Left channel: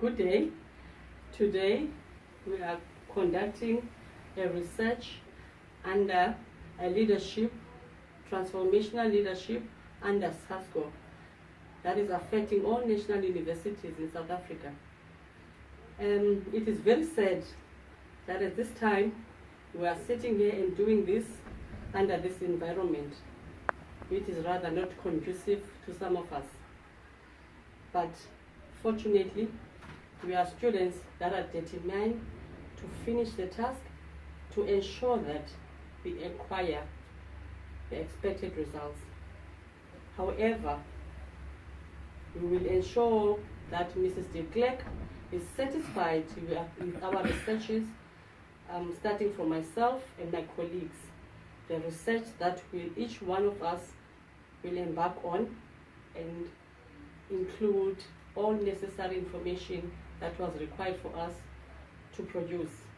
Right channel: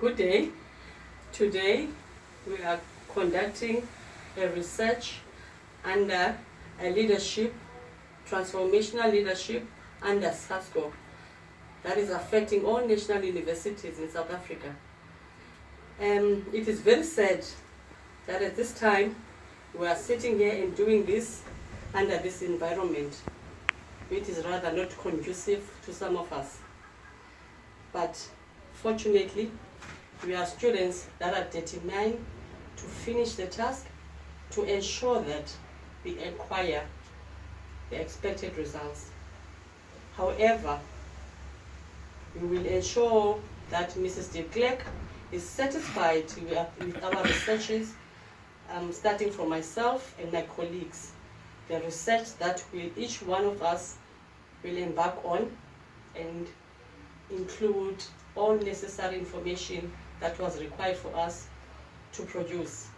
Good day. Today we are conducting a research under a leadership, transformational leadership under SASCO that is affecting all national universities in South Africa. It is very sad that at this time we are sitting here and doing this under this environment, which is rather not conducive to some of us. But fortunately, we are students that are determined to finish the task, to ensure that we acquire the expected results. However, we will ensure that Mrs. de Klerk is satisfied with our researches, starting from myself and my colleagues. The research that each one of us will embark on and include all necessary information that was required for us to produce.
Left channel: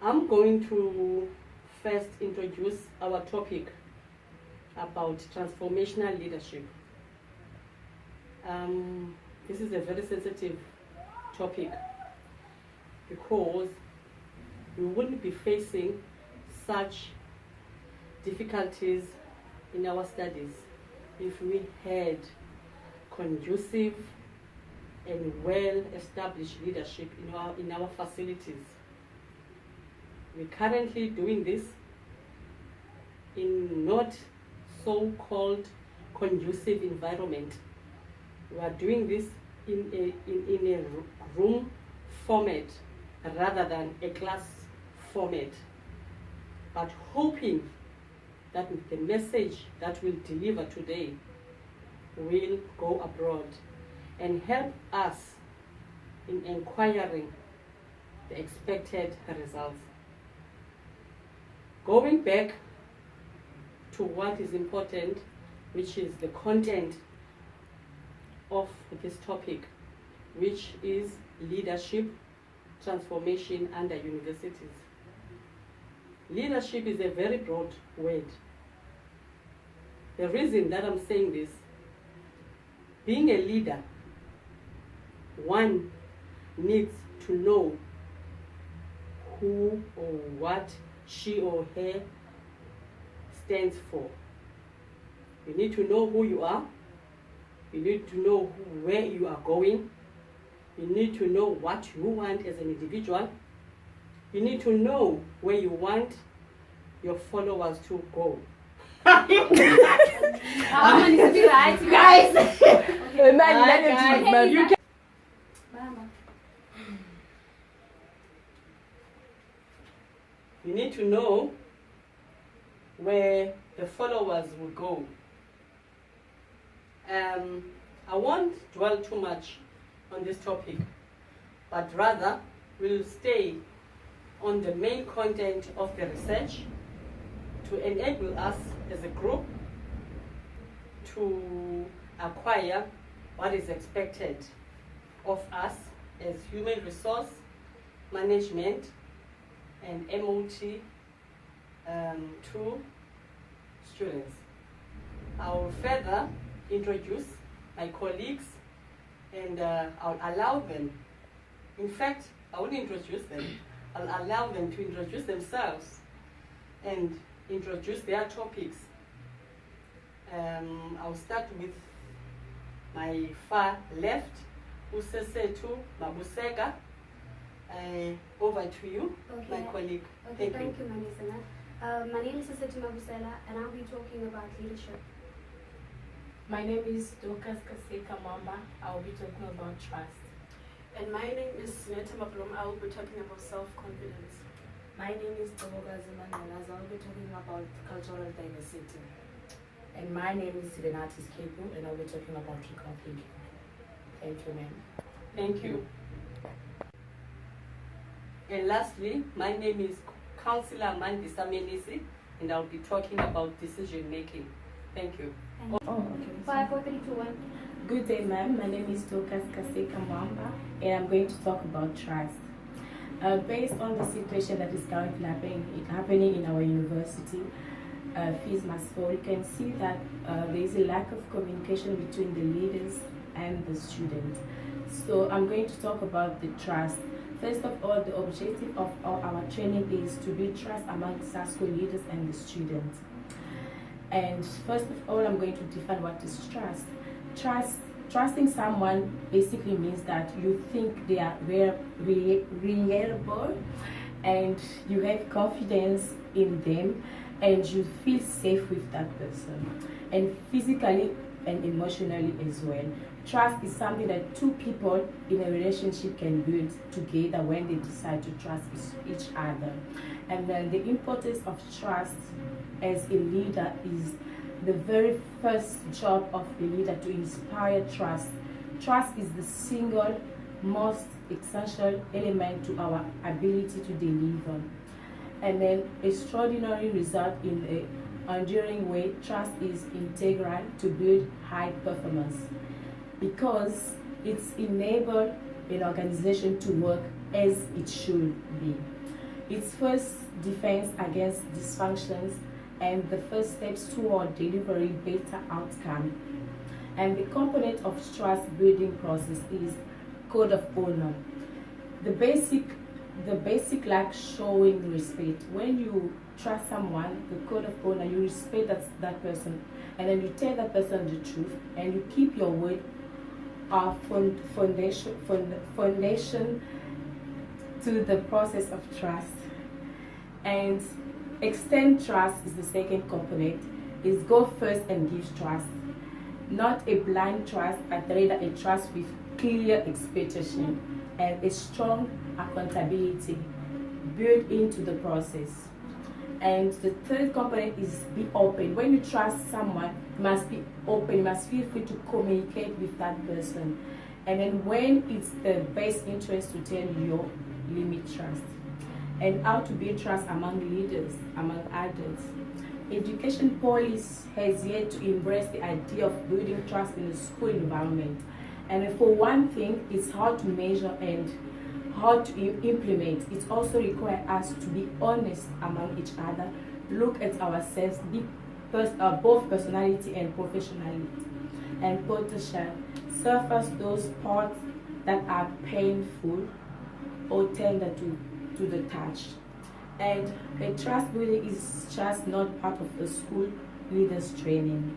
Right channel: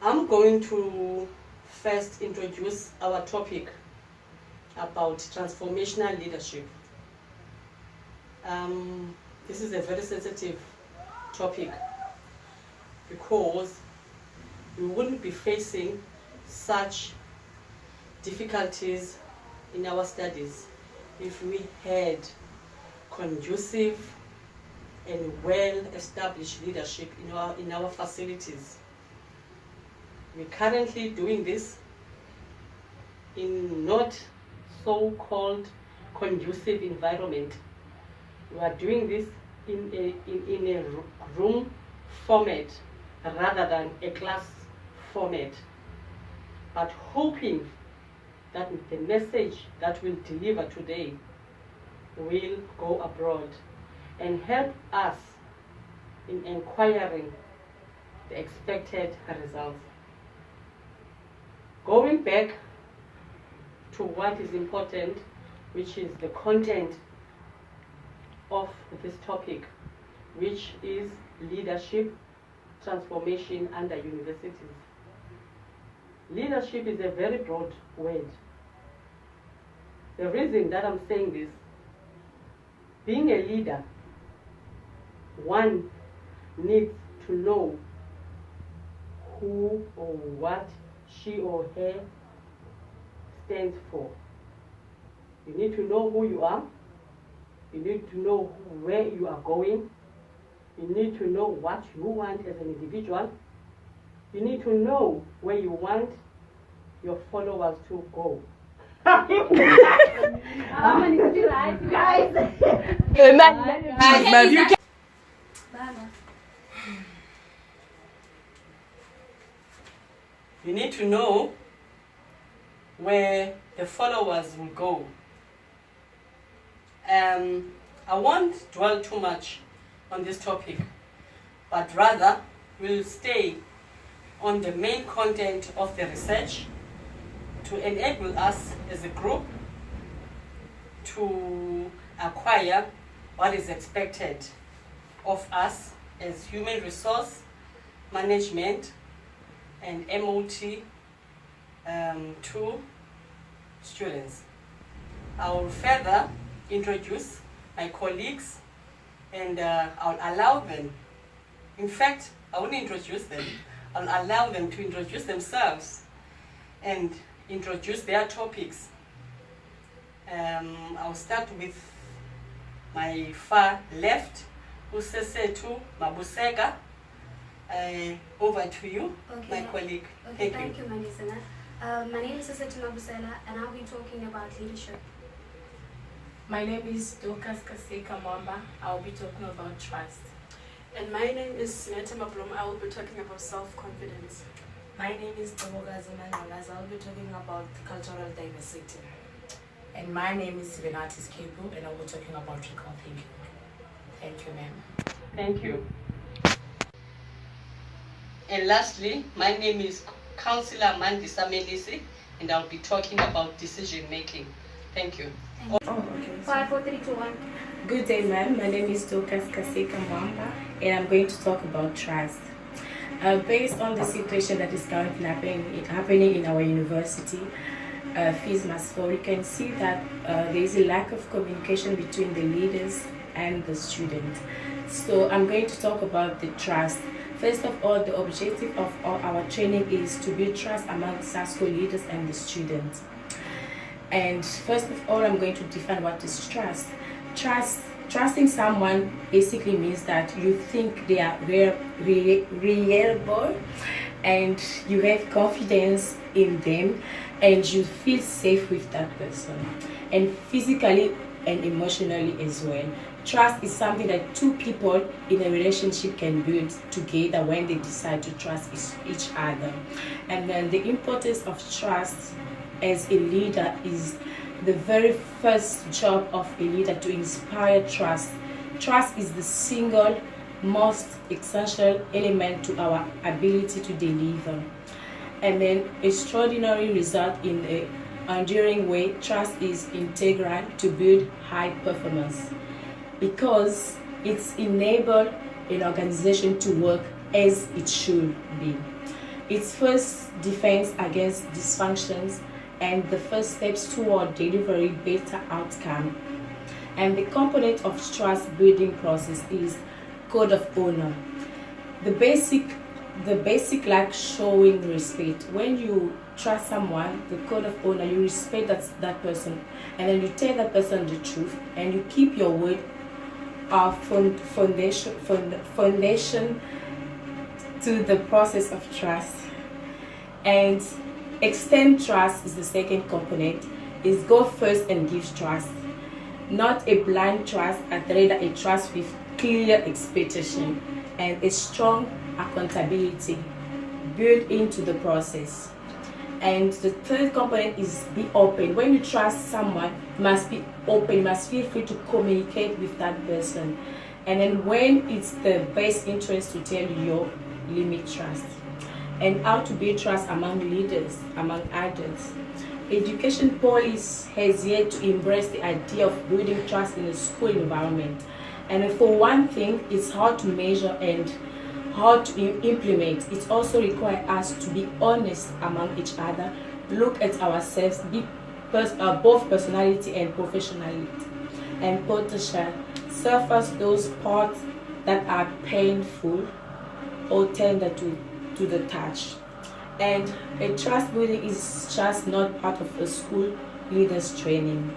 I'm going to first introduce our topic about transformational leadership. This is a very sensitive topic because we wouldn't be facing such difficulties in our studies if we had conducive and well-established leadership in our facilities. We're currently doing this in not so-called conducive environment. We are doing this in a room format rather than a class format, but hoping that the message that we'll deliver today will go abroad and help us in acquiring the expected results. Going back to what is important, which is the content of this topic, which is leadership transformation under universities. Leadership is a very broad word. The reason that I'm saying this, being a leader, one needs to know who or what she or he stands for. You need to know who you are. You need to know where you are going. You need to know what you want as an individual. You need to know where you want your followers to go. You need to know where the followers will go. I won't dwell too much on this topic, but rather we'll stay on the main content of the research to enable us as a group to acquire what is expected of us as human resource management and MOT to students. I will further introduce my colleagues and I'll allow them, in fact, I won't introduce them, I'll allow them to introduce themselves and introduce their topics. I'll start with my far left, Usesetu Mabusega. Over to you, okay, my colleague. Okay, thank you, Manisana. My name is Usesetu Mabusela, and I'll be talking about leadership. My name is Dokas Kaseka Mwamba. I will be talking about trust. And my name is Sinete Mablom. I will be talking about self-confidence. My name is Tomogazi Manolas. I will be talking about cultural diversity. And my name is Sivenatis Kepu, and I will be talking about critical thinking. Thank you, ma'am. Thank you. And lastly, my name is Councillor Mandisa Melisi, and I'll be talking about decision making. Thank you. Thank you. 5, 4, 3, 2, 1. Good day, ma'am. My name is Dokas Kaseka Mwamba, and I'm going to talk about trust. Based on the situation that is currently happening in our university, fees must fall, you can see that there is a lack of communication between the leaders and the student. So I'm going to talk about the trust. First of all, the objective of our training is to build trust among SASCO leaders and the students. And first of all, I'm going to define what is trust. Trusting someone basically means that you think they are reliable, and you have confidence in them, and you feel safe with that person, and physically and emotionally as well. Trust is something that two people in a relationship can build together when they decide to trust each other. And then the importance of trust as a leader is the very first job of a leader to inspire trust. Trust is the single most essential element to our ability to deliver. And then extraordinary result in a enduring way. Trust is integral to build high performance because it's enabled an organization to work as it should be. It's first defense against dysfunctions and the first steps toward delivering better outcome. And the component of trust building process is code of honor. The basic like showing respect. When you trust someone, the code of honor, you respect that person, and then you tell that person the truth, and you keep your word. Our foundation to the process of trust. And extend trust is the second component. Is go first and give trust, not a blind trust, but rather a trust with clear expectation and a strong accountability built into the process. And the third component is be open. When you trust someone, you must be open, you must feel free to communicate with that person. And then when it's the best interest to tell your limit trust. And how to build trust among leaders, among adults. Education policy has yet to embrace the idea of building trust in a school environment. And for one thing, it's hard to measure and hard to implement. It also requires us to be honest among each other, look at ourselves, be both personality and professionality, and potential, surface those parts that are painful or tender to the touch. And a trust building is just not part of a school leaders training.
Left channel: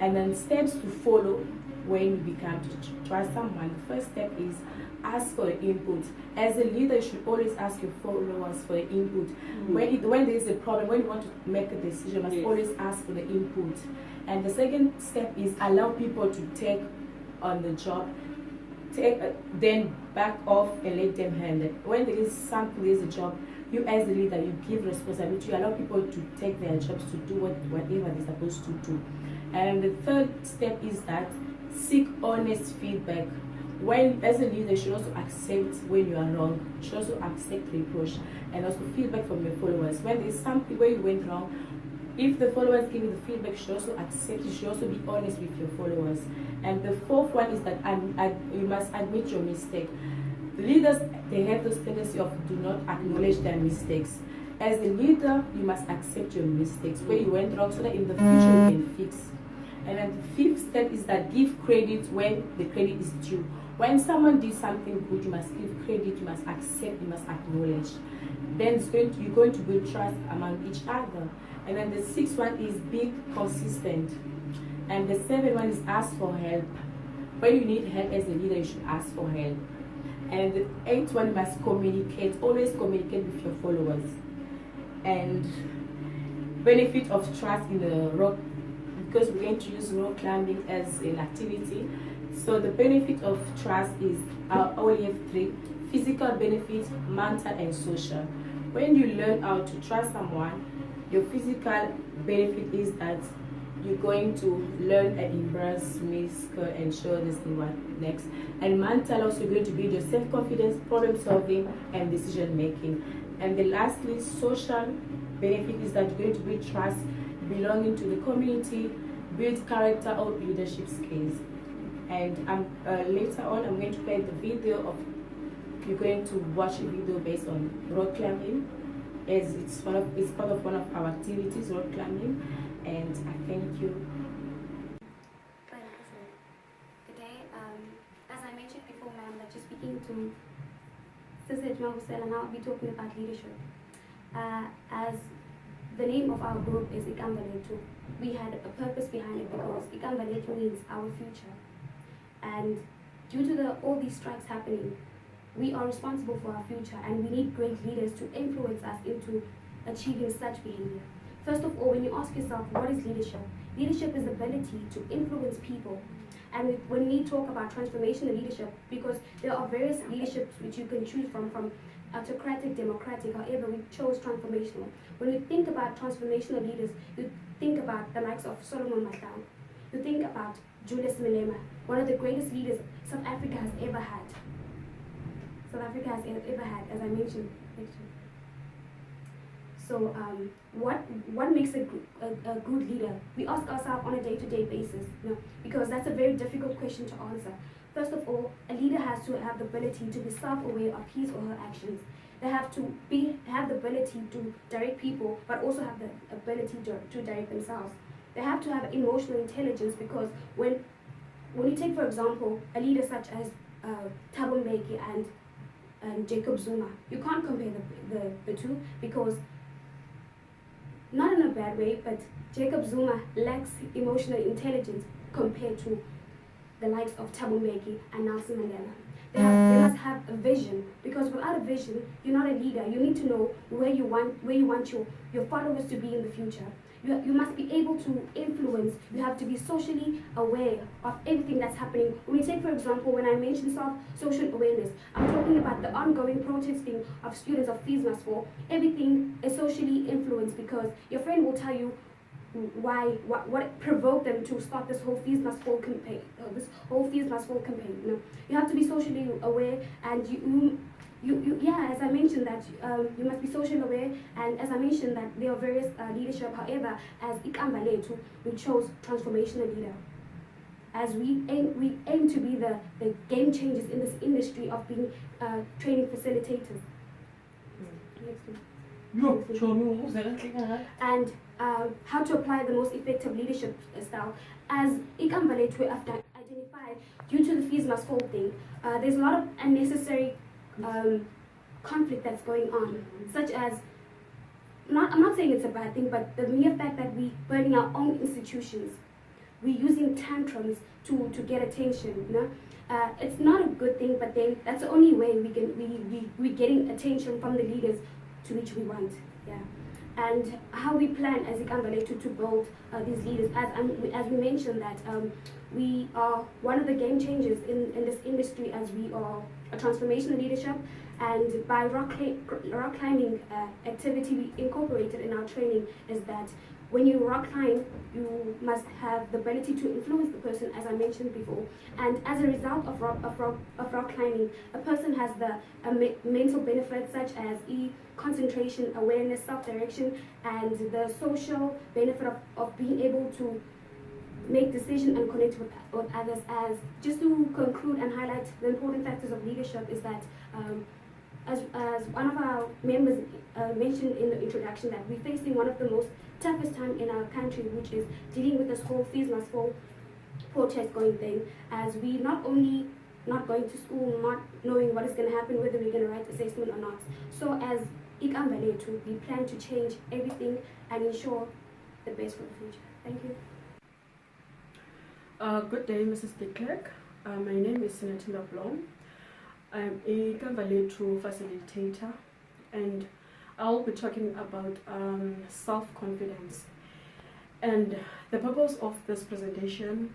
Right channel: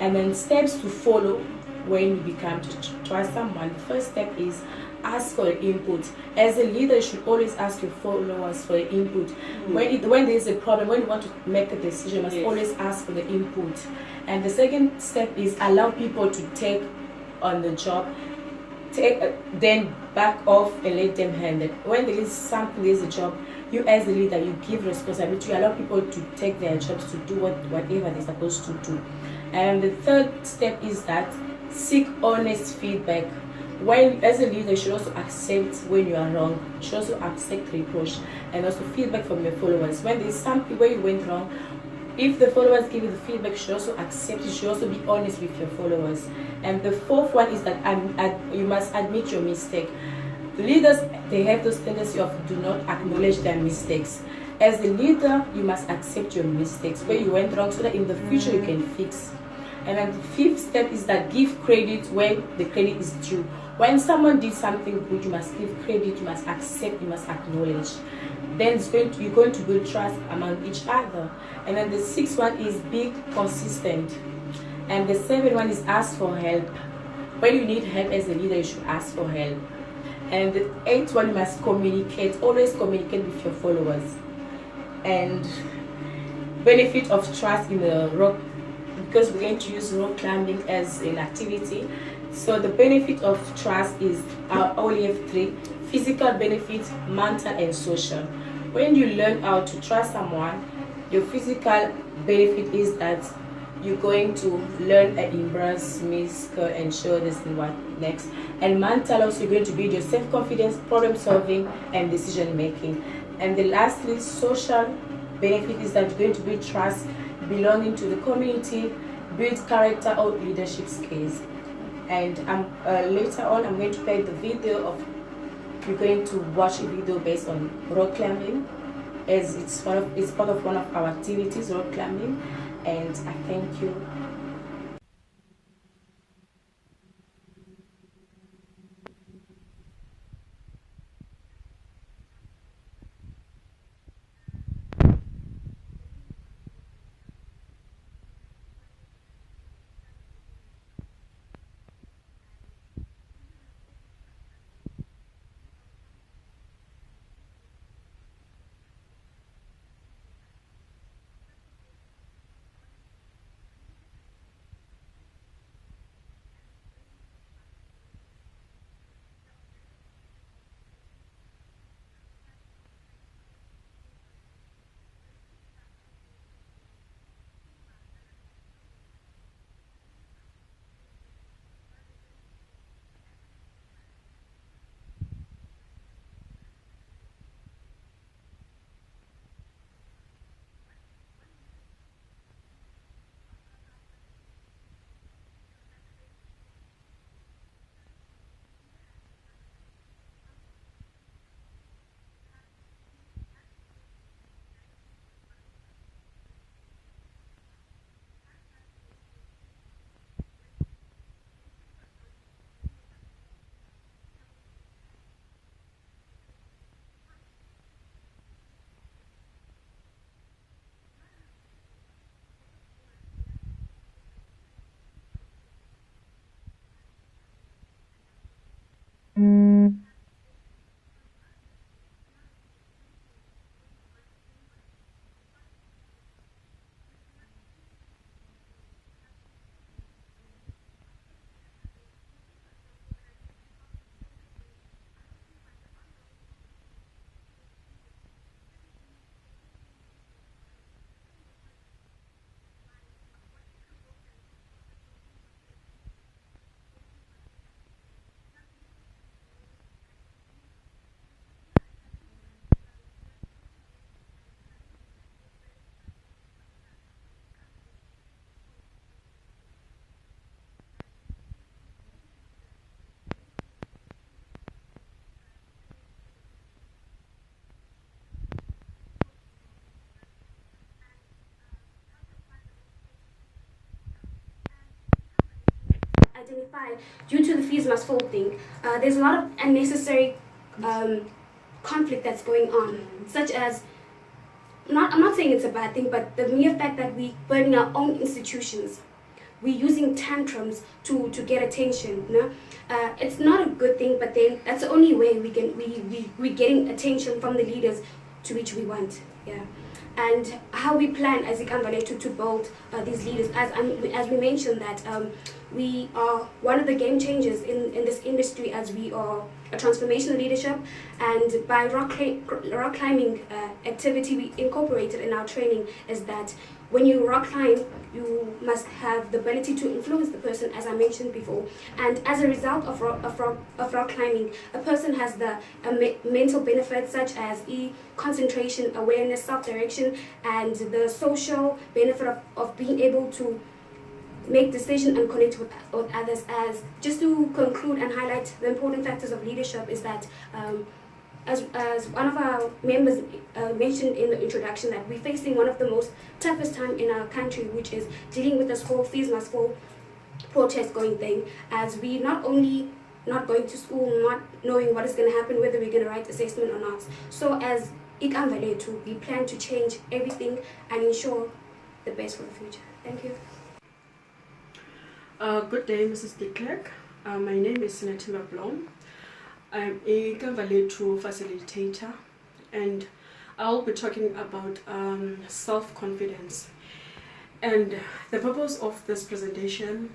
And then steps to follow when you become to trust someone. The first step is ask for input. As a leader, you should always ask your followers for the input. When there is a problem, when you want to make a decision, you must always ask for the input. And the second step is allow people to take on the job, then back off and let them handle it. When there is something, there is a job, you as a leader, you give responsibility, you allow people to take their jobs, to do whatever they're supposed to do. And the third step is that seek honest feedback. When, as a leader, you should also accept when you are wrong. You should also accept reproach and also feedback from your followers. When there is something where you went wrong, if the followers give you the feedback, you should also accept it. You should also be honest with your followers. And the fourth one is that you must admit your mistake. The leaders, they have this tendency of do not acknowledge their mistakes. As a leader, you must accept your mistakes, where you went wrong, so that in the future you can fix. And then the fifth step is that give credit when the credit is due. When someone did something good, you must give credit, you must accept, you must acknowledge. Then you're going to build trust among each other. And then the sixth one is be consistent. And the seventh one is ask for help. When you need help as a leader, you should ask for help. And the eighth one, you must communicate. Always communicate with your followers. And benefit of trust in the rock, because we're going to use rock climbing as an activity. So the benefit of trust is only have three: physical benefit, mental, and social. When you learn how to trust someone, your physical benefit is that you're going to learn and embrace, miss, and show this and what next. And mental, also you're going to build your self-confidence, problem solving, and decision making. And the lastly, social benefit is that you're going to build trust, belonging to the community, build character or leadership skills. And later on, I'm going to play the video of, you're going to watch a video based on rock climbing, as it's part of one of our activities, rock climbing. And I thank you. Good day. As I mentioned before, ma'am, to Sister Mabusela, and I'll be talking about leadership. As the name of our group is Ikambaletu, we had a purpose behind it because Ikambaletu means our future. And due to all these strikes happening, we are responsible for our future, and we need great leaders to influence us into achieving such behavior. First of all, when you ask yourself, what is leadership? Leadership is the ability to influence people. And when we talk about transformational leadership, because there are various leaderships which you can choose from autocratic, democratic, however, we chose transformational. When you think about transformational leaders, you think about the likes of Solomon Mahlangu. You think about Julius Malema, one of the greatest leaders South Africa has ever had. As I mentioned. So what makes a good leader? We ask ourselves on a day-to-day basis, because that's a very difficult question to answer. First of all, a leader has to have the ability to be self-aware of his or her actions. They have to have the ability to direct people, but also have the ability to direct themselves. They have to have emotional intelligence, because when you take, for example, a leader such as Thabo Mbeki and Jacob Zuma, you can't compare the two, because, not in a bad way, but Jacob Zuma lacks emotional intelligence compared to the likes of Thabo Mbeki and Nelson Mandela. They must have a vision, because without a vision, you're not a leader. You need to know where you want your followers to be in the future. You must be able to influence. You have to be socially aware of everything that's happening. When we take, for example, when I mentioned social awareness, I'm talking about the ongoing protesting of students of Fees Must Fall. Everything is socially influenced, because your friend will tell you what provoked them to start this whole Fees Must Fall campaign. You have to be socially aware, and as I mentioned that you must be social aware, and as I mentioned that there are various leadership. However, as Ikambaletu, we chose transformational leader, as we aim to be the game changers in this industry of being training facilitators. And how to apply the most effective leadership style. As Ikambaletu, we have identified, due to the Fees Must Fall thing, there's a lot of unnecessary conflict that's going on, such as, I'm not saying it's a bad thing, but the mere fact that we burning our own institutions, we're using tantrums to get attention. It's not a good thing, but then that's the only way we're getting attention from the leaders to which we want. And how we plan as Ikambaletu to build these leaders, as we mentioned that we are one of the game changers in this industry, as we are a transformational leadership, and by rock climbing activity we incorporated in our training is that when you rock climb, you must have the ability to influence the person, as I mentioned before. And as a result of rock climbing, a person has the mental benefits such as concentration, awareness, self-direction, and the social benefit of being able to make decisions and connect with others. As just to conclude and highlight the important factors of leadership is that as one of our members mentioned in the introduction, that we're facing one of the most toughest time in our country, which is dealing with this whole Fees Must Fall protest going thing, as we not only not going to school, not knowing what is going to happen, whether we're going to write assessment or not. So as Ikambaletu, we plan to change everything and ensure the best for the future. Thank you. Good day, Mrs. de Klerk. My name is Senator Blom. I'm a Ikambaletu facilitator, and I'll be talking about self-confidence. And the purpose of this presentation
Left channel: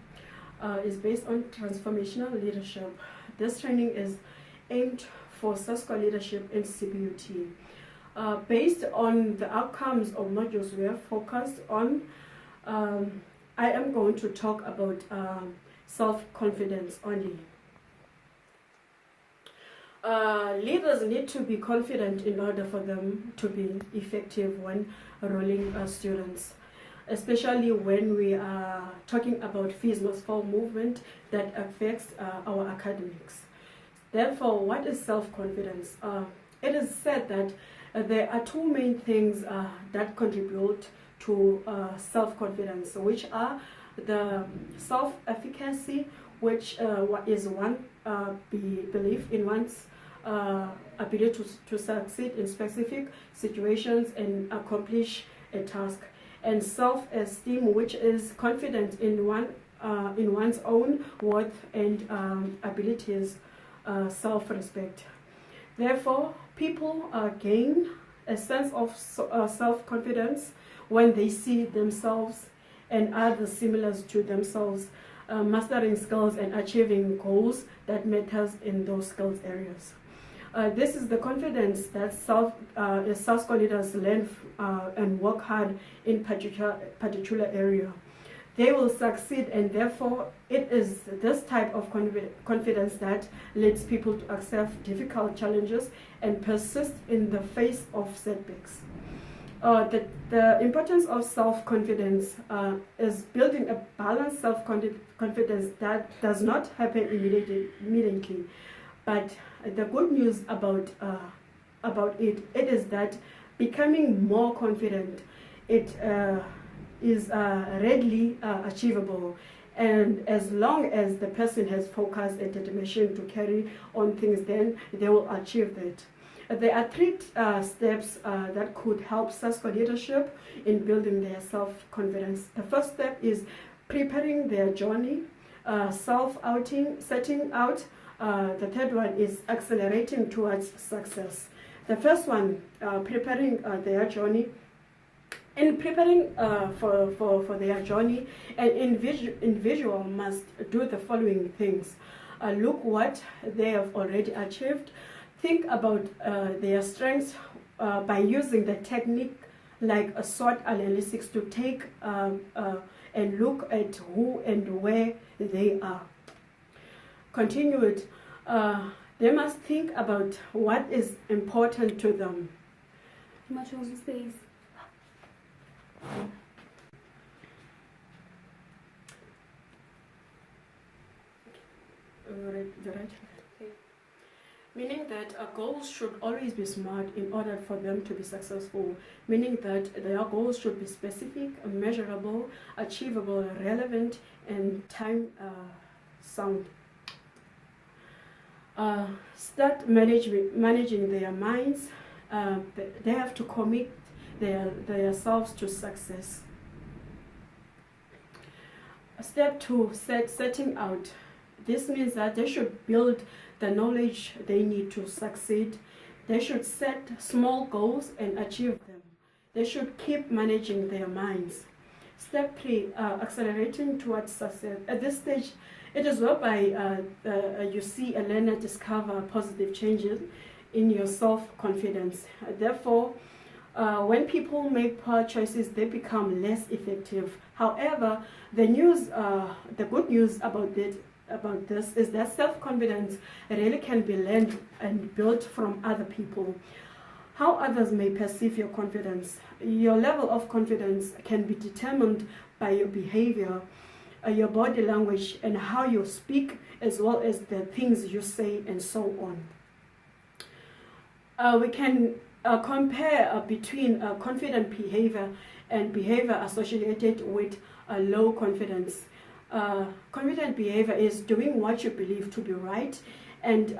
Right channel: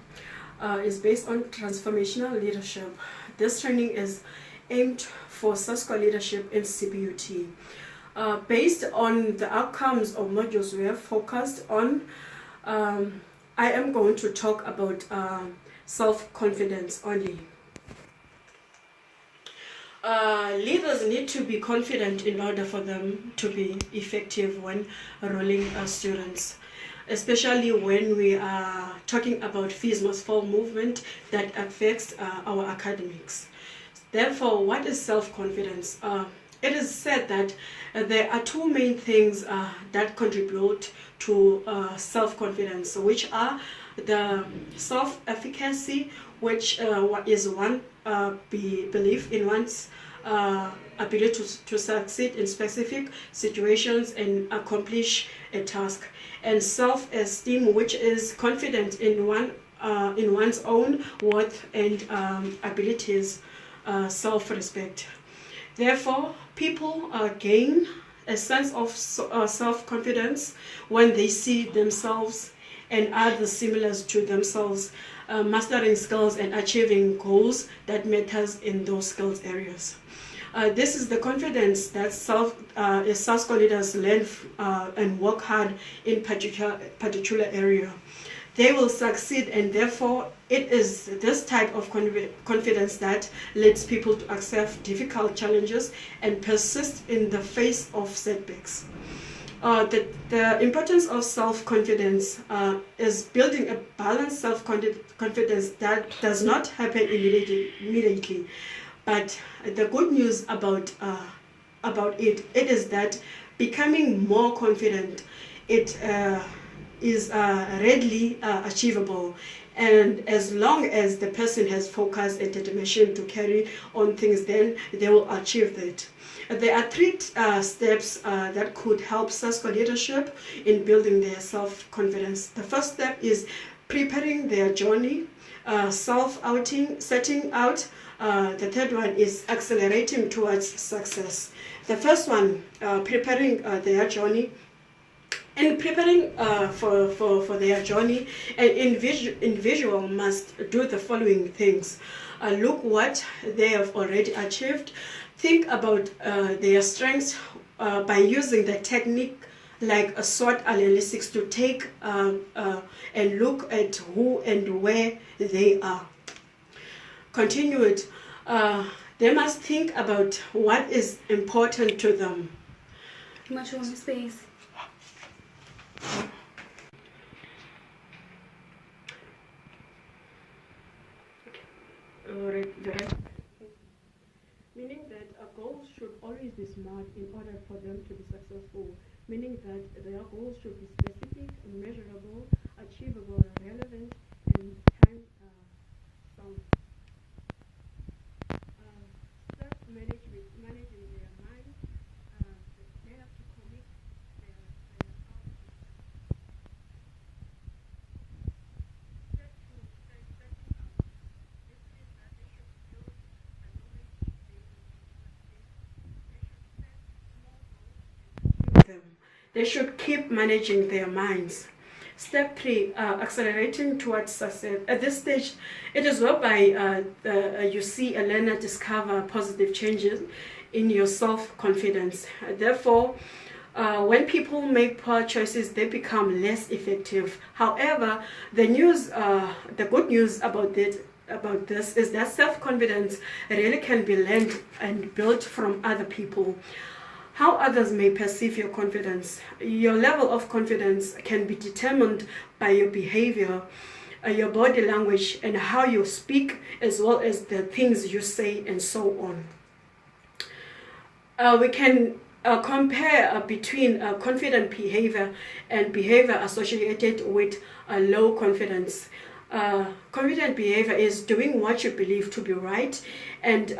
is based on transformational leadership. This training is aimed for SASCO leadership in CPUT. Based on the outcomes of modules we have focused on, I am going to talk about self-confidence only. Leaders need to be confident in order for them to be effective when enrolling students, especially when we are talking about Fees Must Fall movement that affects our academics. Therefore, what is self-confidence? It is said that there are two main things that contribute to self-confidence, which are the self-efficacy which is one belief in one's ability to succeed in specific situations and accomplish a task, and self-esteem, which is confidence in one's own worth and abilities, self-respect. Therefore, people gain a sense of self-confidence when they see themselves and others similar to themselves, mastering skills and achieving goals that matters in those skills areas. This is the confidence that South leaders learn and work hard in particular area. They will succeed, and therefore it is this type of confidence that leads people to accept difficult challenges and persist in the face of setbacks. The importance of self-confidence is building a balanced self-confidence that does not happen immediately. But the good news about it is that becoming more confident, it is readily achievable, and as long as the person has focus and determination to carry on things, then they will achieve that. There are three steps that could help SASCO leadership in building their self-confidence. The first step is preparing their journey, setting out. The third one is accelerating towards success. The first one, preparing their journey. In preparing for their journey, an individual must do the following things. Look what they have already achieved. Think about their strengths by using the technique like a SWOT analysis to take and look at who and where they are. Continue it. They must think about what is important to them. Much more space. Meaning that goals should always be smart in order for them to be successful. Meaning that their goals should be specific, measurable, achievable, relevant, and time sound. Start managing their minds. They have to commit themselves to success. Step 2, setting out. This means that they should build the knowledge they need to succeed. They should set small goals and achieve them. They should keep managing their minds. Step 3, accelerating towards success. At this stage, it is whereby you see a learner discover positive changes in your self-confidence. Therefore, when people make poor choices, they become less effective. However, the good news about this is that self-confidence really can be learned and built from other people. How others may perceive your confidence. Your level of confidence can be determined by your behavior, your body language, and how you speak, as well as the things you say, and so on. We can compare between confident behavior and behavior associated with low confidence. Confident behavior is doing what you believe to be right, and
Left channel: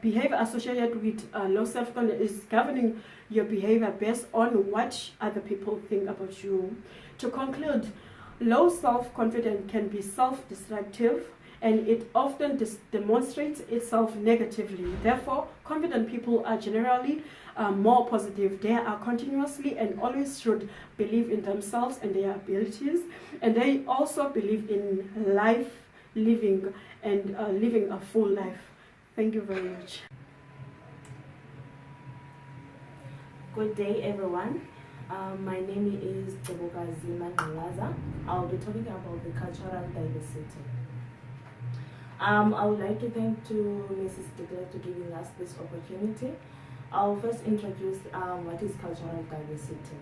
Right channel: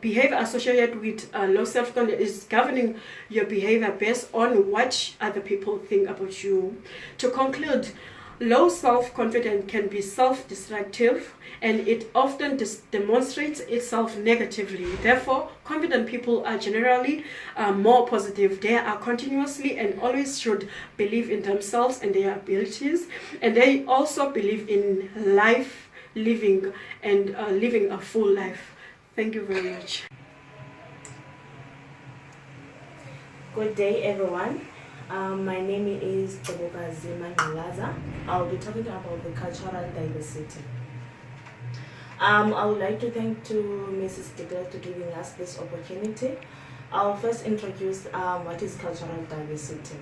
behavior associated with low self-confidence is governing your behavior based on what other people think about you. To conclude, low self-confidence can be self-destructive, and it often demonstrates itself negatively. Therefore, confident people are generally more positive. They are continuously and always should believe in themselves and their abilities, and they also believe in life, living, and living a full life. Thank you very much. Good day, everyone. My name is Movie. I'll be talking about the cultural diversity. I would like to thank to Mrs. Declare to giving us this opportunity. I'll first introduce what is cultural diversity.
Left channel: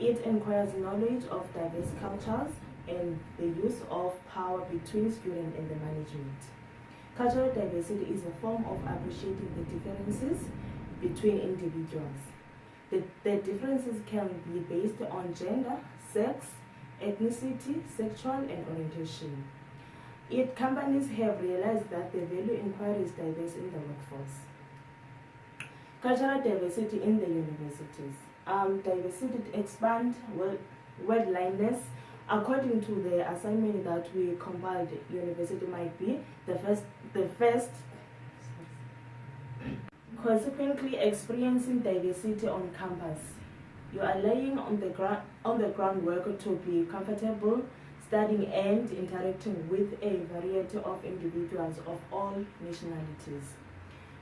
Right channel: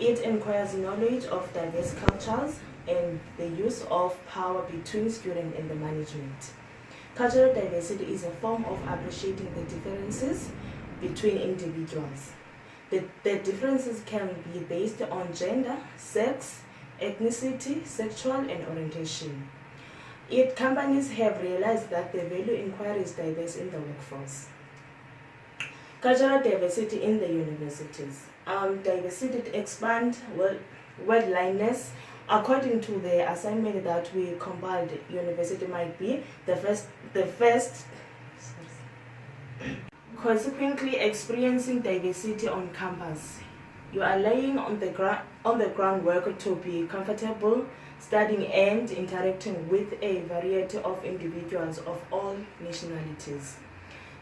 It inquires knowledge of diverse cultures and the use of power between students and the management. Cultural diversity is a form of appreciating the differences between individuals. The differences can be based on gender, sex, ethnicity, sexual, and orientation. Companies have realized that they value inquiries diverse in the workforce. Cultural diversity in the universities. Diversity to expand worldliness. According to the assignment that we compiled, university might be the first. Consequently, experiencing diversity on campus. You are laying on the groundwork to be comfortable studying and interacting with a variety of individuals of all nationalities,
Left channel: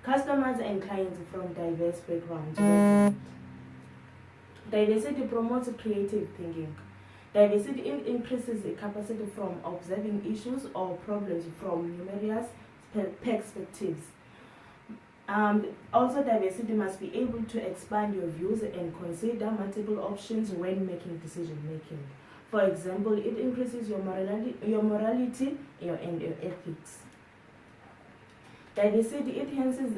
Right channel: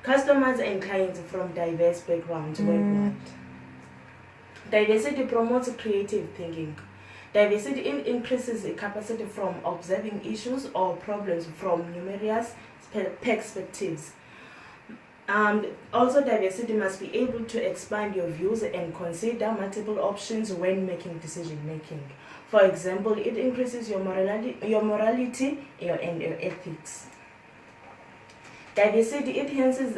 customers and clients from diverse backgrounds worldwide. Diversity promotes creative thinking. Diversity increases the capacity from observing issues or problems from numerous perspectives. Also, diversity must be able to expand your views and consider multiple options when making decision making. For example, it increases your morality, and your ethics. Diversity enhances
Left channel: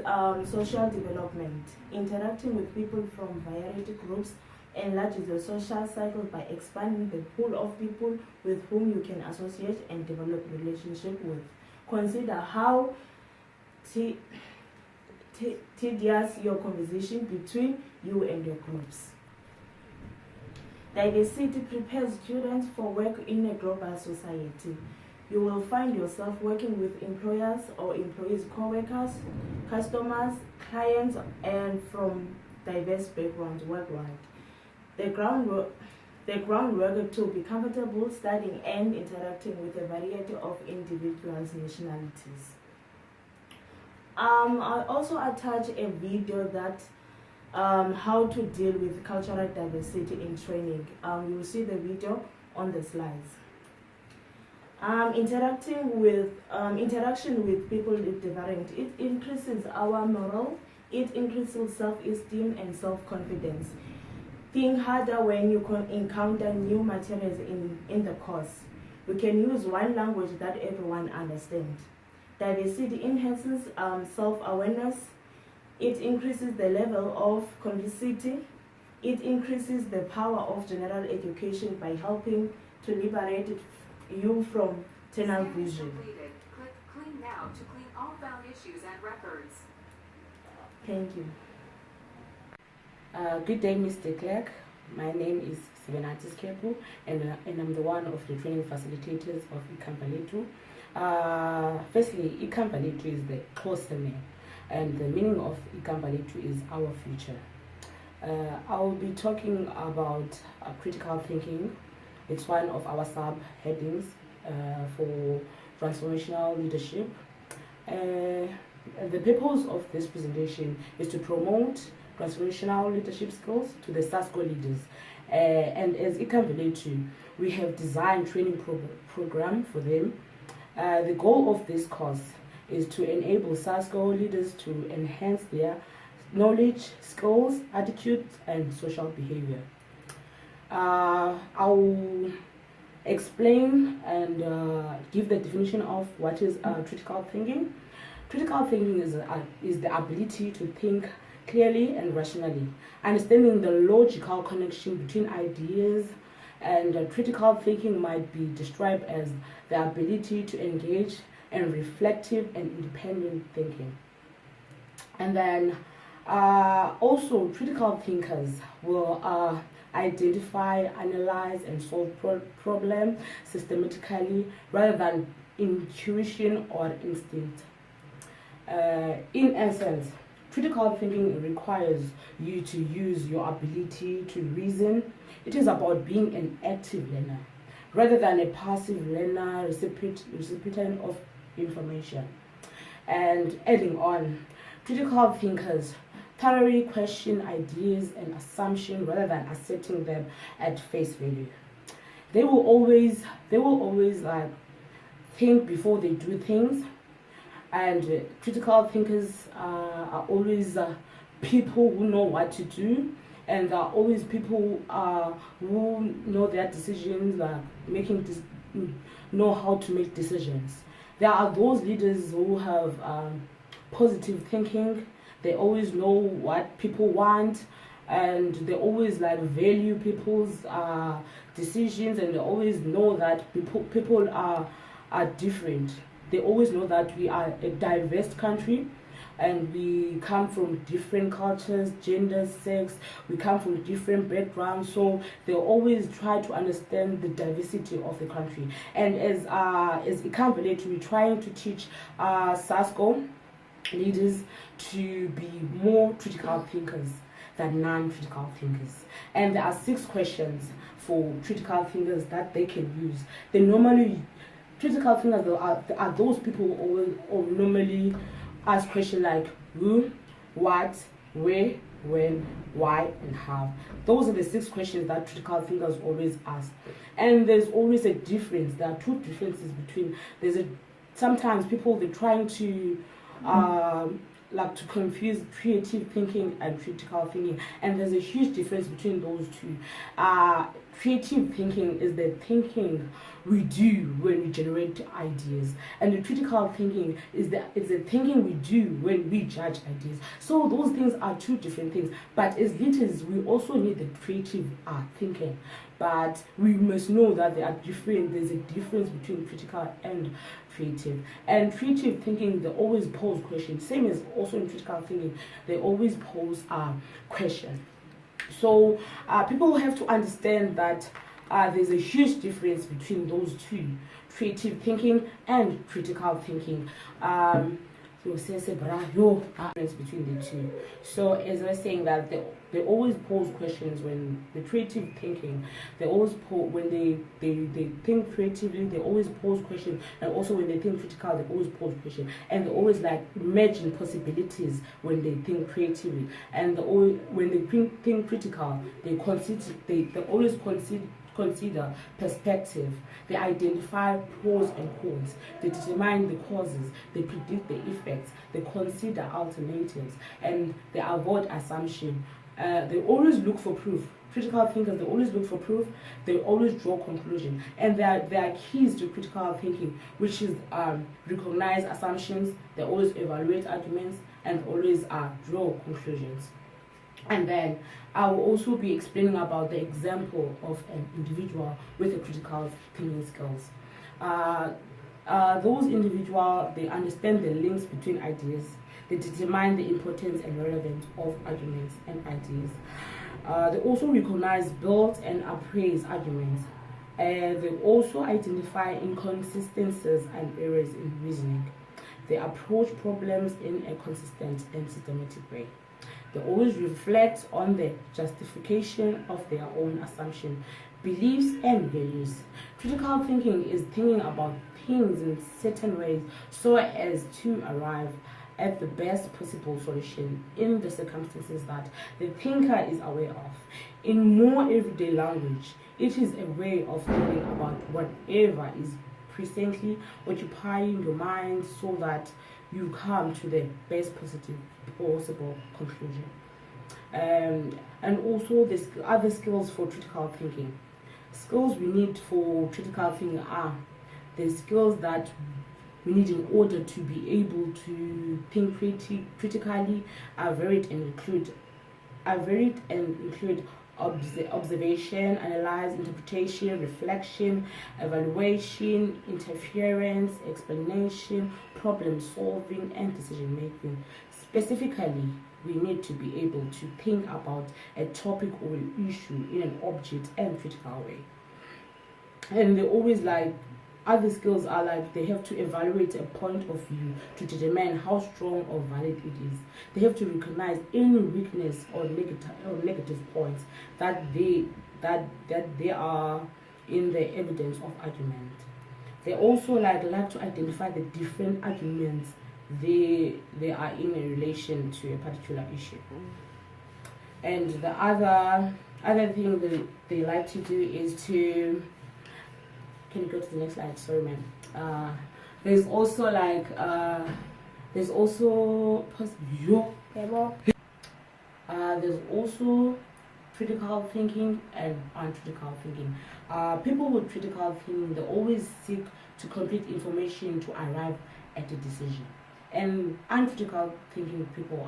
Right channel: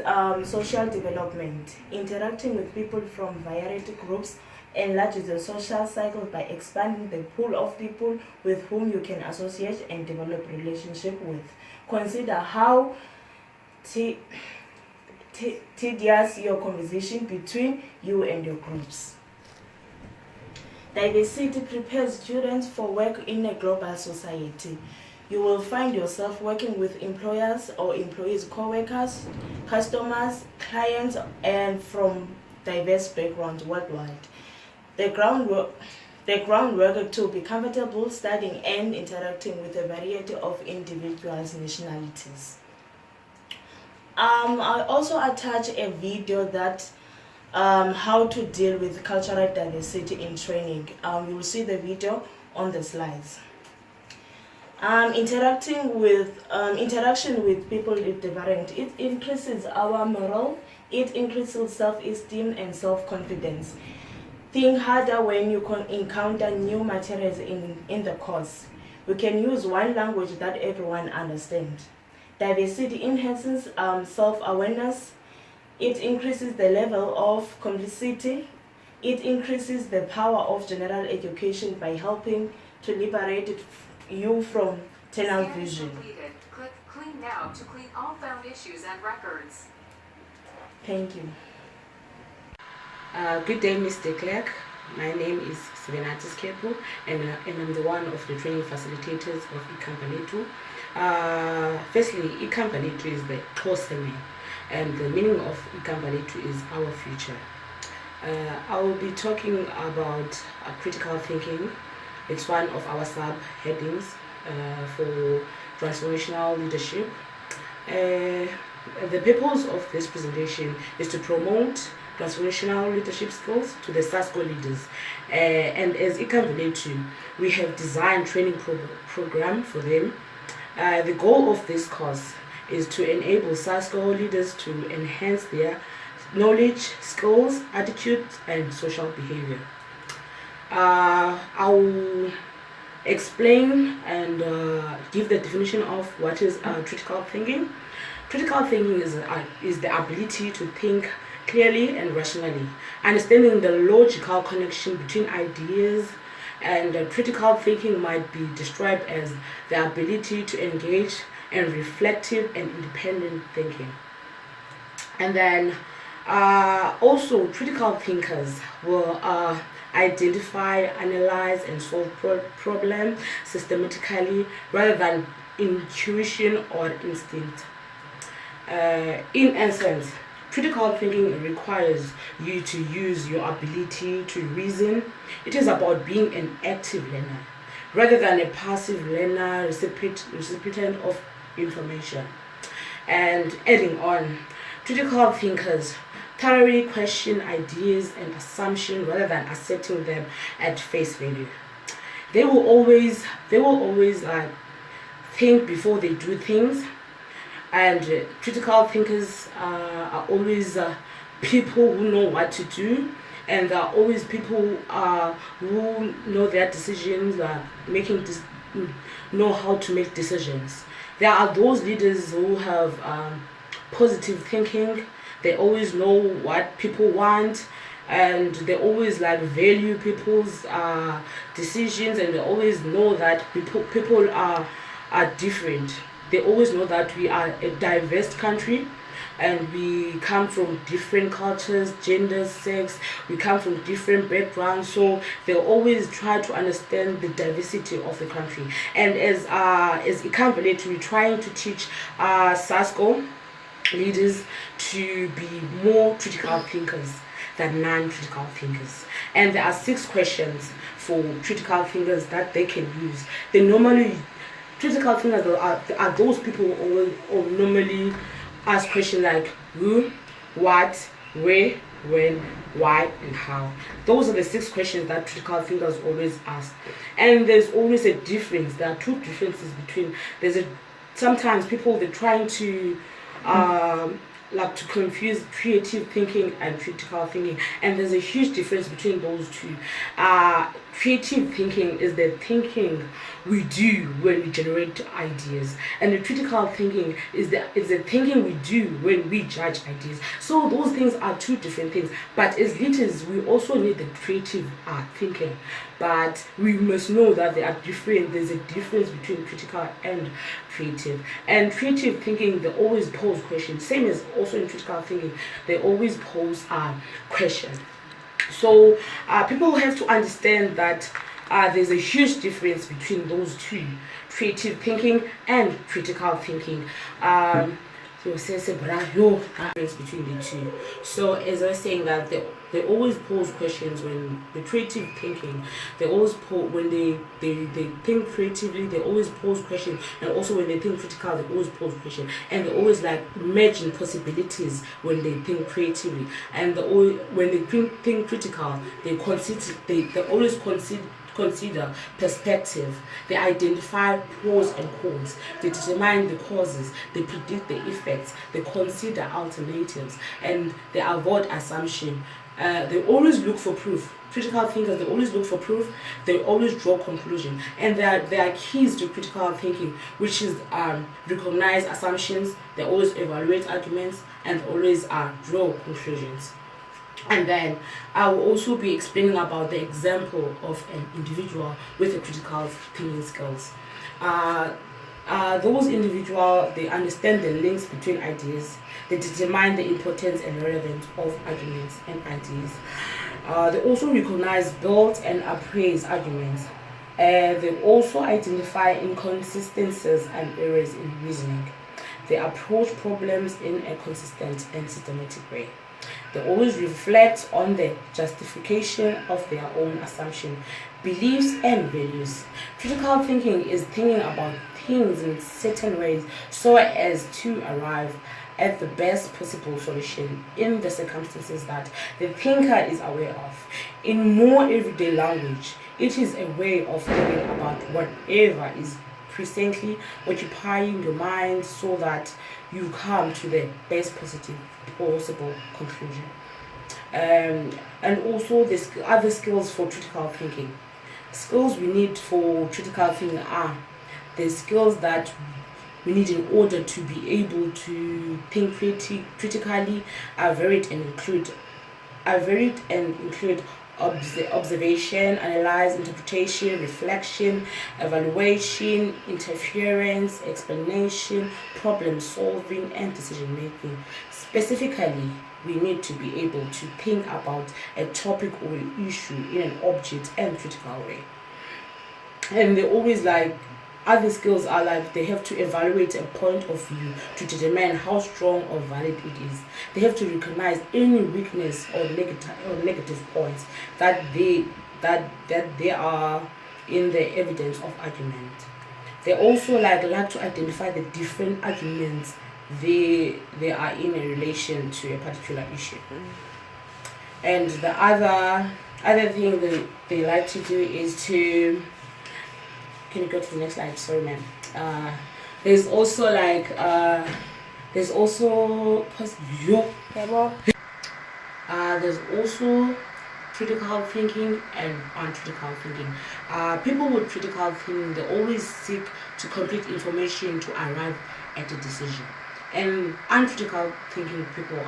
social development. Interacting with people from variety groups enlarges the social cycle by expanding the pool of people with whom you can associate and develop relationship with. Consider how tedious your conversation between you and your groups. Diversity prepares students for work in a global society. You will find yourself working with employers or employees, co-workers, customers, clients, and from diverse backgrounds worldwide. The groundwork to be comfortable studying and interacting with a variety of individuals' nationalities. I also attach a video that how to deal with cultural diversity in training. You will see the video on the slides. Interaction with people is different. It increases our morale. It increases self-esteem and self-confidence. Think harder when you encounter new materials in the course. We can use one language that everyone understands. Diversity enhances self-awareness. It increases the level of complicity. It increases the power of general education by helping to liberate you from tunnel vision. Completed. Click Clean Now to clean all found issues and records. Thank you. Good day, Mr. Clerk. My name is Svenatis Kepo, and I'm the one of the training facilitators of eCompany 2. Firstly, eCompany 2 is the close name, and the meaning of eCompany 2 is our future. I will be talking about critical thinking. It's one of our sub-headings for transformational leadership. The purpose of this presentation is to promote transformational leadership skills to the SASCO leaders. And as eCompany 2, we have designed training program for them. The goal of this course is to enable SASCO leaders to enhance their knowledge, skills, attitudes, and social behavior. I will explain and give the definition of what is critical thinking. Critical thinking is the ability to think clearly and rationally, understanding the logical connection between ideas, and critical thinking might be described as the ability to engage in reflective and independent thinking. And then also critical thinkers will identify, analyze, and solve problems systematically rather than intuition or instinct. In essence, critical thinking requires you to use your ability to reason. It is about being an active learner rather than a passive learner, recipient of information. And adding on, critical thinkers thoroughly question ideas and assumptions rather than accepting them at face value. They will always think before they do things. And critical thinkers are always people who know what to do, and are always people who know their decisions, know how to make decisions. There are those leaders who have positive thinking. They always know what people want, and they always value people's decisions, and they always know that people are different. They always know that we are a diverse country, and we come from different cultures, genders, sex. We come from different backgrounds, so they always try to understand the diversity of the country. And as Ikamvele, we're trying to teach SASCO leaders to be more critical thinkers than non-critical thinkers. And there are 6 questions for critical thinkers that they can use. They normally, critical thinkers are those people who normally ask questions like who, what, where, when, why, and how. Those are the 6 questions that critical thinkers always ask. And there's always a difference. There are 2 differences between. Sometimes people, they're trying to like to confuse creative thinking and critical thinking, and there's a huge difference between those 2. Creative thinking is the thinking we do when we generate ideas, and the critical thinking is the thinking we do when we judge ideas. So those things are 2 different things. But as leaders, we also need the creative thinking, but we must know that they are different. There's a difference between critical and creative. And creative thinking, they always pose questions, same as also in critical thinking, they always pose questions. So people have to understand that there's a huge difference between those 2, creative thinking and critical thinking. Difference between the 2. So as I was saying, that they always pose questions. When the creative thinking, they always when they think creatively, they always pose questions, and also when they think critical, they always pose questions, and they always like imagine possibilities when they think creatively, and when they think critical, they always consider perspective. They identify pros and cons. They determine the causes. They predict the effects. They consider alternatives, and they avoid assumption. They always look for proof. Critical thinkers, they always look for proof. They always draw conclusion, and there are keys to critical thinking, which is recognize assumptions. They always evaluate arguments, and always draw conclusions. And then I will also be explaining about the example of an individual with a critical thinking skills. Those individuals, they understand the links between ideas. They determine the importance and relevance of arguments and ideas. They also recognize, build, and appraise arguments. They also identify inconsistencies and errors in reasoning. They approach problems in a consistent and systematic way. They always reflect on the justification of their own assumption, beliefs, and values. Critical thinking is thinking about things in certain ways so as to arrive at the best possible solution in the circumstances that the thinker is aware of. In more everyday language, it is a way of thinking about whatever is presently occupying your mind so that you come to the best possible conclusion. And also the other skills for critical thinking. Skills we need for critical thinking are the skills that we need in order to be able to think critically are varied and include observation, analyze, interpretation, reflection, evaluation, interference, explanation, problem solving, and decision making. Specifically, we need to be able to think about a topic or an issue in an object and critical way. And they always other skills are they have to evaluate a point of view to determine how strong or valid it is. They have to recognize any weakness or negative points that they are in the evidence of argument. They also like to identify the different arguments they are in a relation to a particular issue. And the other thing they like to do is to, can you go to the next slide? Sorry, ma'am. There's also there's also critical thinking and uncritical thinking. People with critical thinking, they always seek to complete information to arrive at a decision. And uncritical thinking people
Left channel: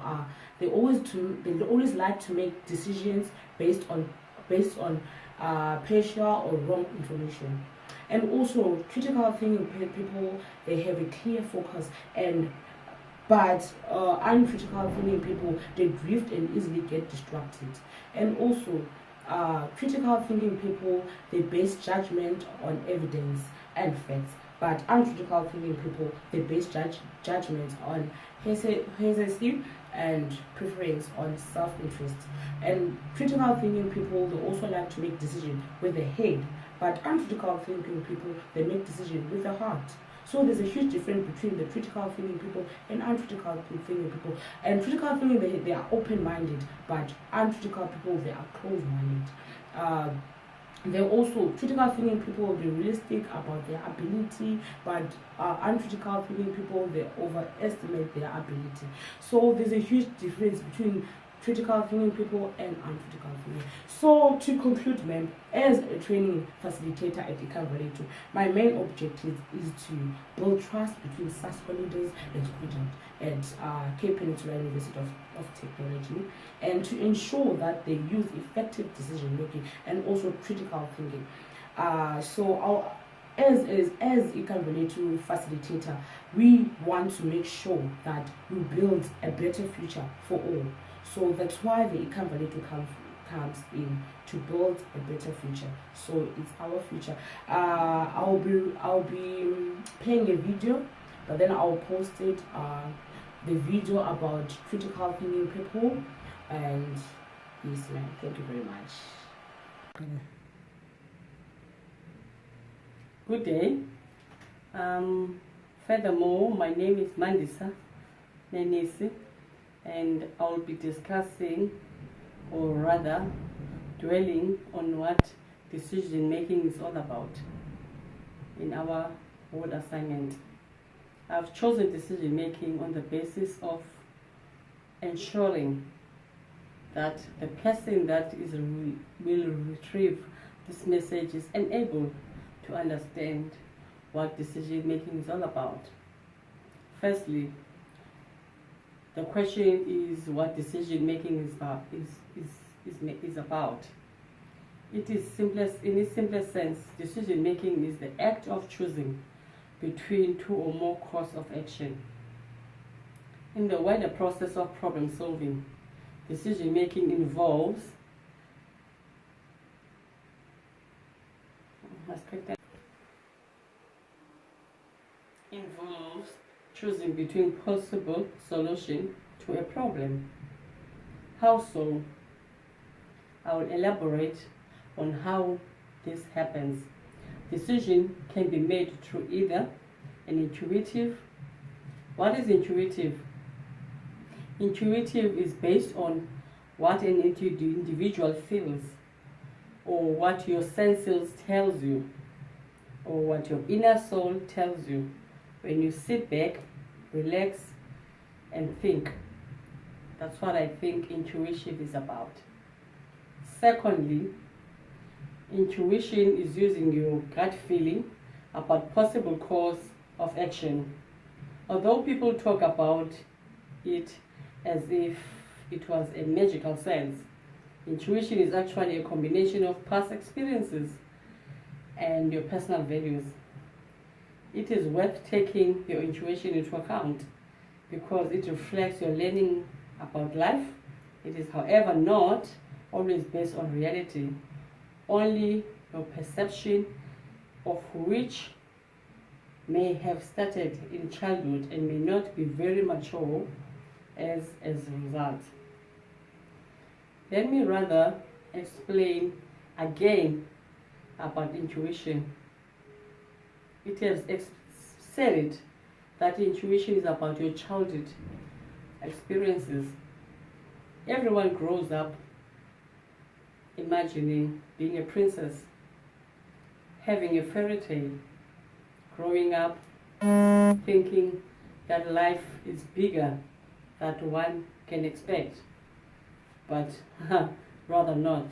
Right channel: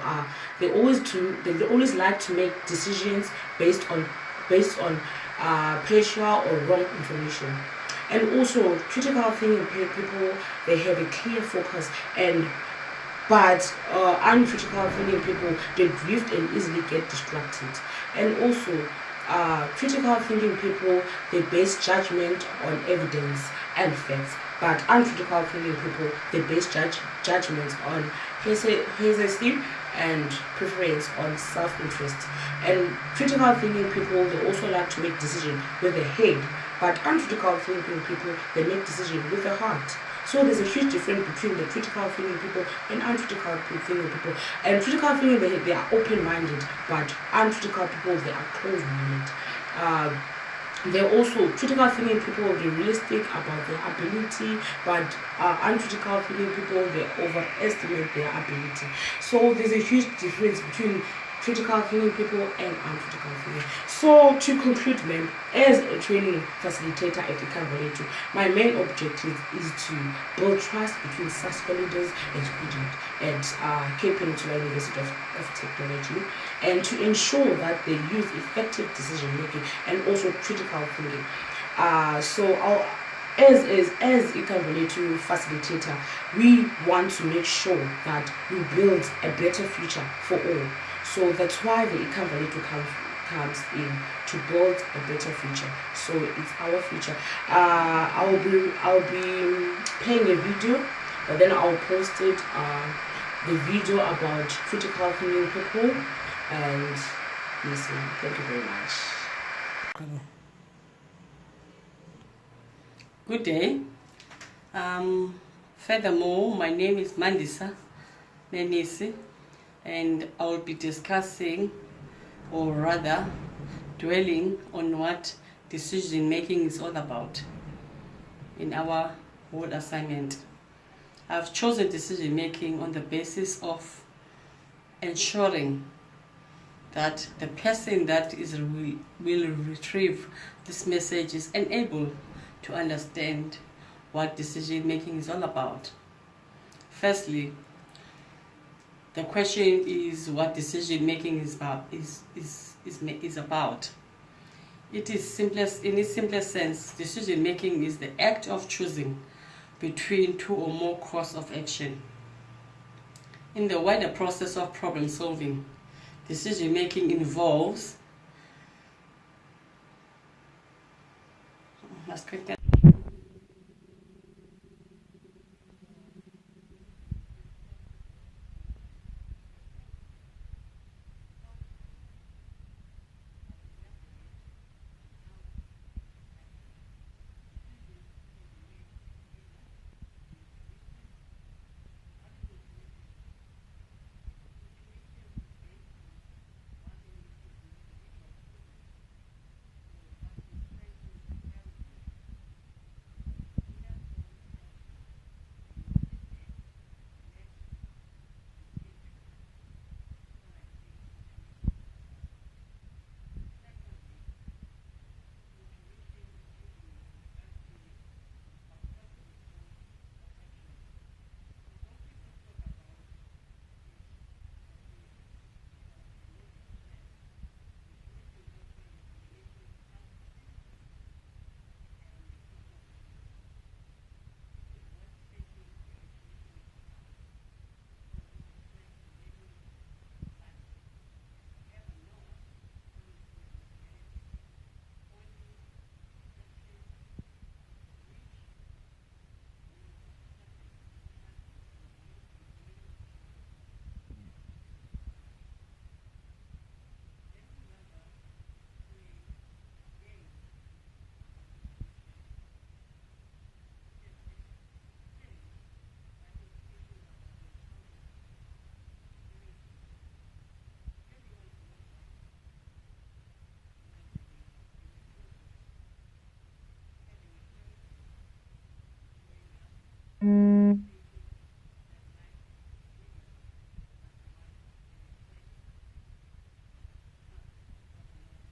they always like to make decisions based on partial or wrong information. And also, critical thinking people, they have a clear focus, but uncritical thinking people, they drift and easily get distracted. And also, critical thinking people, they base judgment on evidence and facts, but uncritical thinking people, they base judgments on hearsay and preference on self-interest. And critical thinking people, they also like to make decisions with their head, but uncritical thinking people, they make decisions with their heart. So there's a huge difference between the critical thinking people and uncritical thinking people. And critical thinking, they are open-minded, but uncritical people, they are closed-minded. They're also critical thinking people, they're realistic about their ability, but uncritical thinking people, they overestimate their ability. So there's a huge difference between critical thinking people and uncritical thinking. So to conclude, ma'am, as a training facilitator at Ikavaleti, my main objective is to build trust between SASCO leaders and students at Cape Peninsula University of Technology, and to ensure that they use effective decision making and also critical thinking. As Ikavaleti facilitator, we want to make sure that we build a better future for all. So that's why the Ikavaleti comes in, to build a better future. So it's our future. I'll be playing a video, but then I'll post it. The video about critical thinking people, and yes, ma'am. Thank you very much. Good day. Furthermore, my name is Mandisa Nenisi, and I'll be discussing, or rather dwelling on what decision making is all about in our whole assignment. I've chosen decision making on the basis of ensuring that the person that will retrieve this message is enabled to understand what decision making is all about. Firstly, the question is what decision making is about. It is simplest, in its simplest sense, decision making is the act of choosing between two or more courses of action. In the wider process of problem solving, decision making involves choosing between possible solution to a problem. How so? I will elaborate on how this happens. Decision can be made through either an intuitive. What is intuitive? Intuitive is based on what an individual feels, or what your senses tells you, or what your inner soul tells you when you sit back, relax, and think. That's what I think intuition is about. Secondly, intuition is using your gut feeling about possible course of action. Although people talk about it as if it was a magical sense, intuition is actually a combination of past experiences and your personal values. It is worth taking your intuition into account because it reflects your learning about life. It is, however, not always based on reality, only your perception of which may have started in childhood and may not be very mature as a result. Let me rather explain again about intuition. It has said that intuition is about your childhood experiences. Everyone grows up imagining being a princess, having a fairy tale, growing up thinking that life is bigger than one can expect, but rather not,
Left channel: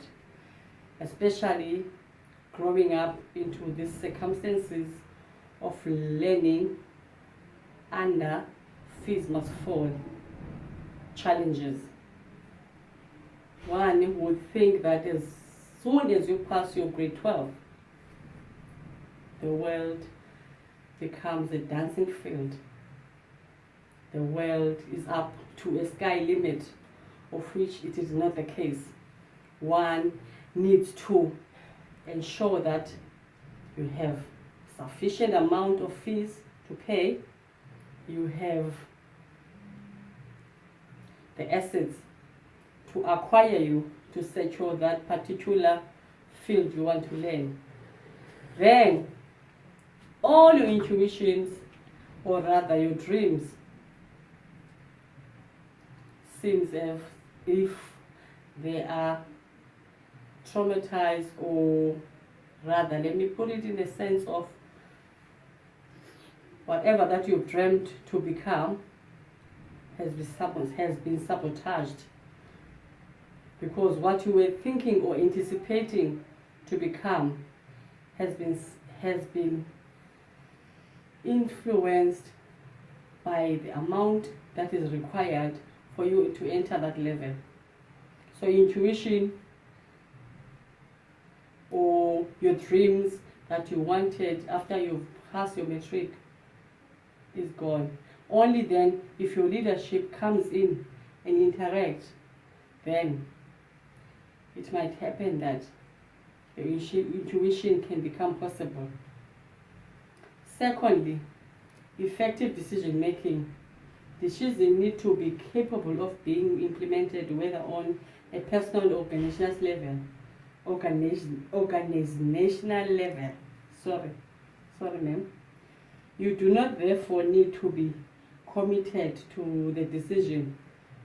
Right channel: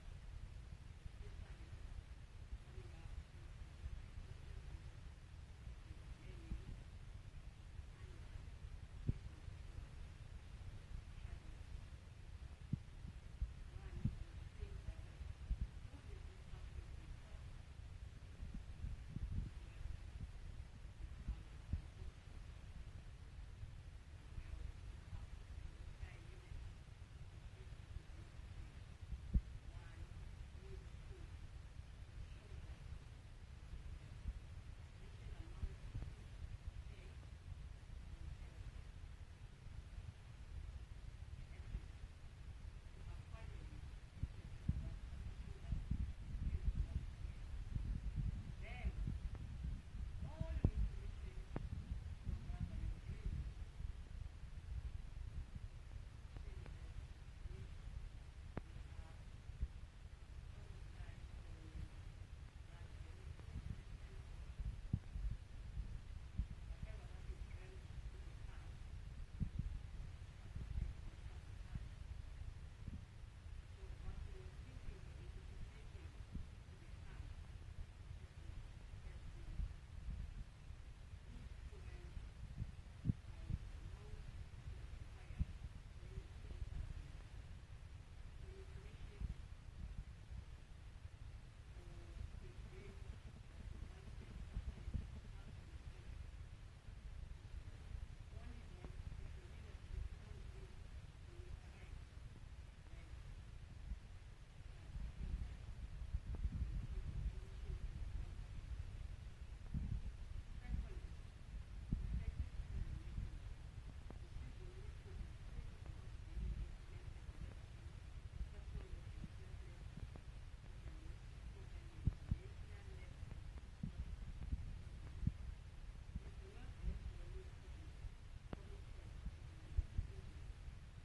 especially growing up into these circumstances of learning under fees must fall challenges. One would think that as soon as you pass your grade 12, the world becomes a dancing field. The world is up to a sky limit, of which it is not the case. One needs to ensure that you have sufficient amount of fees to pay, you have the assets to acquire you to secure that particular field you want to learn. Then all your intuitions, or rather your dreams, seems as if they are traumatized, or rather, let me put it in a sense of whatever that you've dreamt to become has been sabotaged, because what you were thinking or anticipating to become has been influenced by the amount that is required for you to enter that level. So intuition or your dreams that you wanted after you've passed your matric is gone. Only then, if your leadership comes in and interacts, then it might happen that your intuition can become possible. Secondly, effective decision making. Decisions need to be capable of being implemented whether on a personal or organizational level. Sorry ma'am. You do not therefore need to be committed to the decision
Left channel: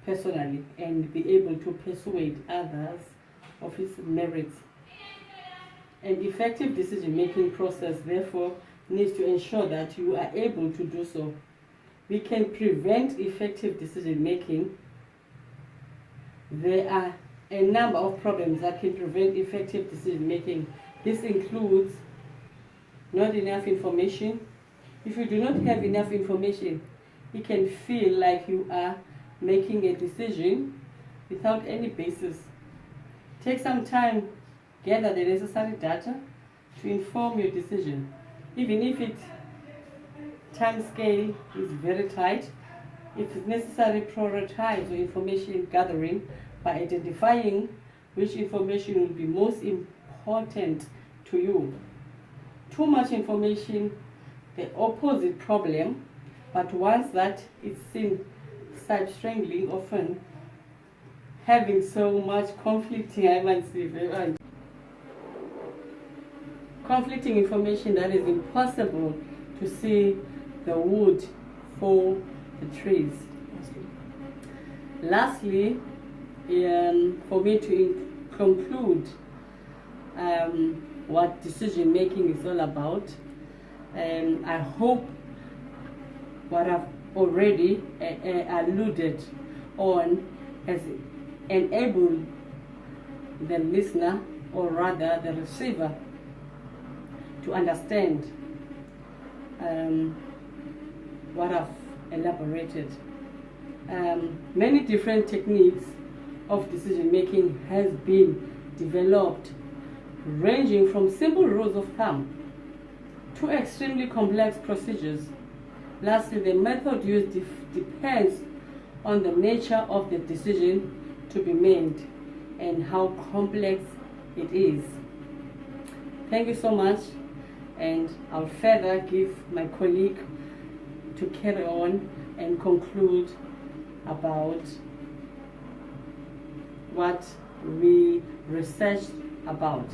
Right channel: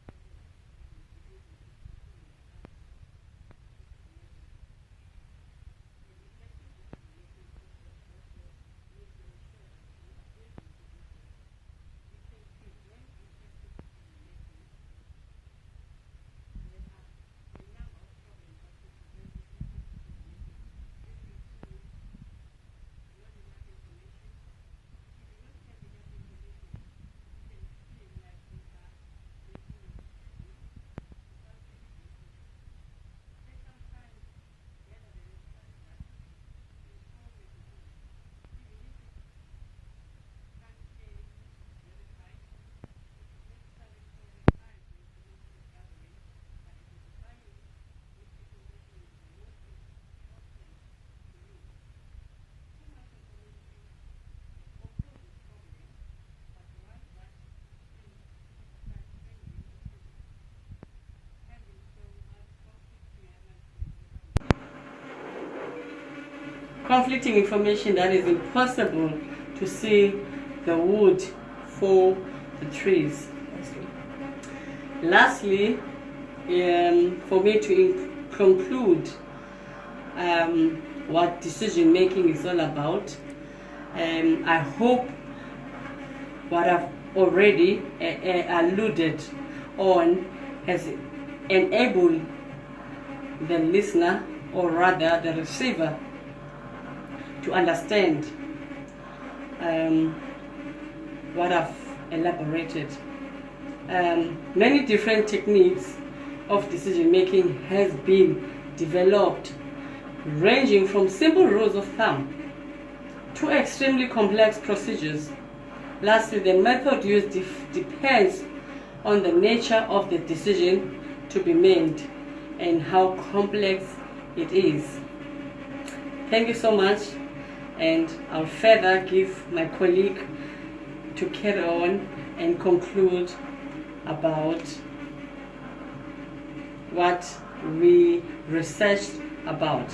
personally and be able to persuade others of its merits. An effective decision-making process therefore needs to ensure that you are able to do so. We can prevent effective decision-making. There are a number of problems that can prevent effective decision-making. This includes not enough information. If you do not have enough information, you can feel like you are making a decision without any basis. Take some time, gather the necessary data to inform your decision. Even if its time scale is very tight, if it's necessary, prioritize your information gathering by identifying which information will be most important to you. Too much information, the opposite problem, but once that it's seen strangely often having so much conflicting information that is impossible to see the wood for the trees. Lastly, for me to conclude what decision making is all about, I hope what I've already alluded on has enabled the listener, or rather the receiver, to understand what I've elaborated. Many different techniques of decision making has been developed, ranging from simple rules of thumb to extremely complex procedures. Lastly, the method used depends on the nature of the decision to be made and how complex it is. Thank you so much, and I'll further give my colleague to carry on and conclude about what we researched about.